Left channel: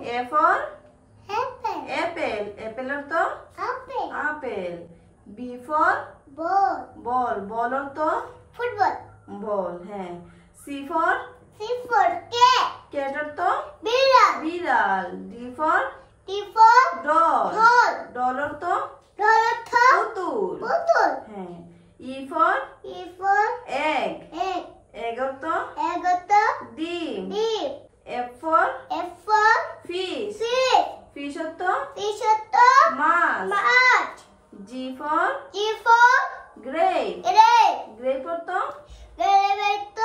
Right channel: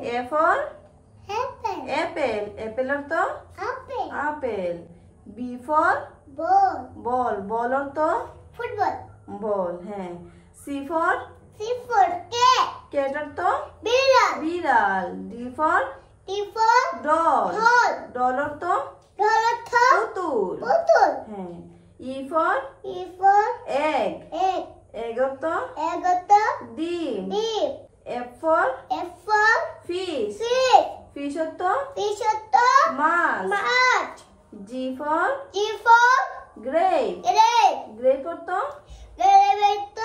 A for apple. apple. Apple অর্থ Apple. Apple. B for Ball. ball. ball অর্থ Football. ball, হ্যাঁ। C for C for cat. cat অর্থ বিড়াল। বিড়াল। D for D for doll. doll. doll অর্থ doll অর্থ পুতুল, পুতুল। হ্যাঁ। E for E for egg. egg. egg অর্থ egg অর্থ ডিম। ডিম। F for F for fish. fish. fish অর্থ fish অর্থ মাছ। মাছ। G for G for grape. grape. grape অর্থ grape অর্থ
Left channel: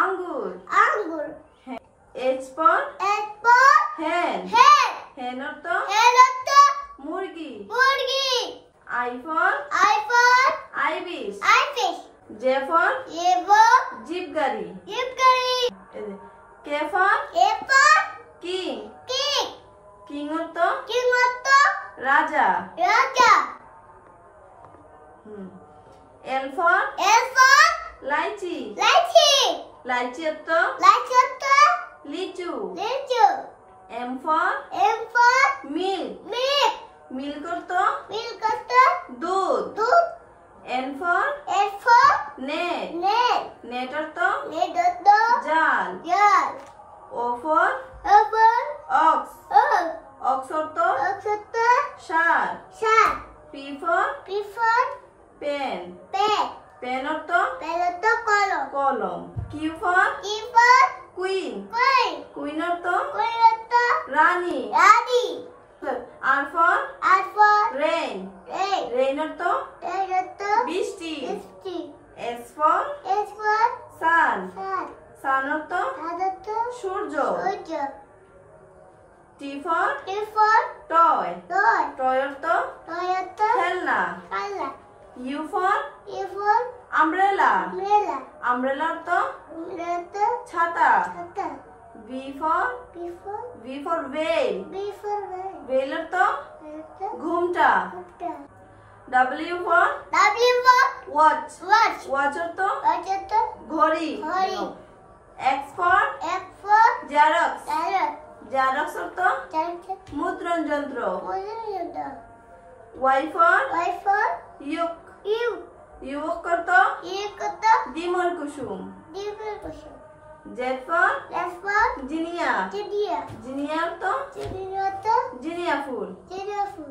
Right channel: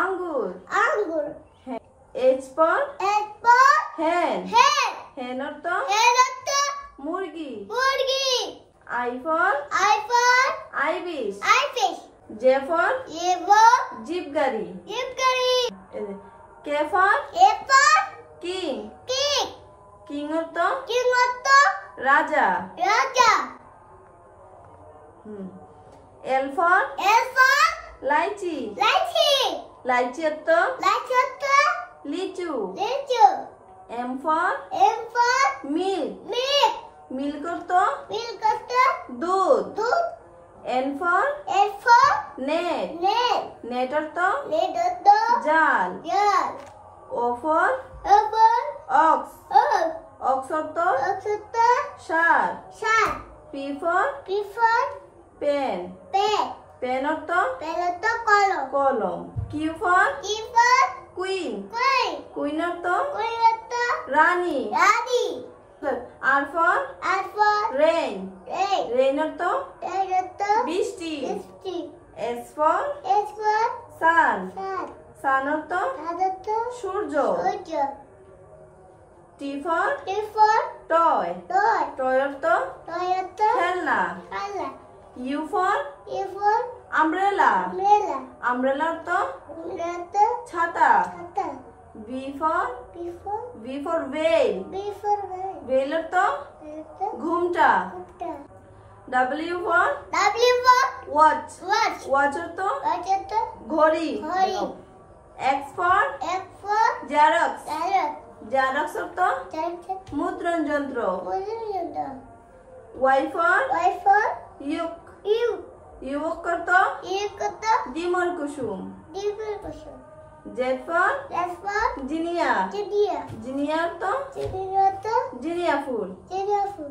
আঙ্গুর। আঙ্গুর। H for H for hen. hen. hen অর্থ hen অর্থ মুরগি। মুরগি। I for I for ibis. fish. J for J for jeep গাড়ি। জিপকারি। K for K for king. king. king অর্থ king অর্থ রাজা। রাজা। L for L for lychee. Lychee. Lychee অর্থ লাইচি অর্থ লিচু। লিচু। M for M for milk. milk. milk অর্থ milk অর্থ দুধ। দুধ। N for N for net. net. net অর্থ net অর্থ জাল। জাল। O for O for ox. ox. ox অর্থ ox অর্থ ষাঁড়। ষাঁড়। P for P for pen. pen. pen অর্থ pen অর্থ কলম। কলম। Q for Q for queen. queen. queen অর্থ queen অর্থ রানী। রানী। R for R for rain. rain. rain অর্থ rain অর্থ বৃষ্টি। বৃষ্টি। S for S for sun. sun. sun অর্থ sun অর্থ সূর্য। সূর্য। T for T for toy. toy. toy অর্থ toy অর্থ খেলনা। খেলনা। U for U for umbrella. umbrella. umbrella অর্থ umbrella অর্থ ছাতা। ছাতা। V for veil. B for veil. veil অর্থ অর্থ ঘুমটা। ঘুমটা। W for W for watch. watch. watch অর্থ watch অর্থ ঘড়ি। ঘড়ি। X for X for xerox. carrot. xerox অর্থ carrot. মুদ্রণ যন্ত্র। মুদ্রণ। Y for Y for yolk. U. yolk অর্থ U অর্থ বিমল কুসুম। ডিমের কুসুম। Z for S for Jinia. Jinia. Jinia অর্থ জিনিয়া অর্থ জিনিয়া ফুল। জিনিয়া ফুল।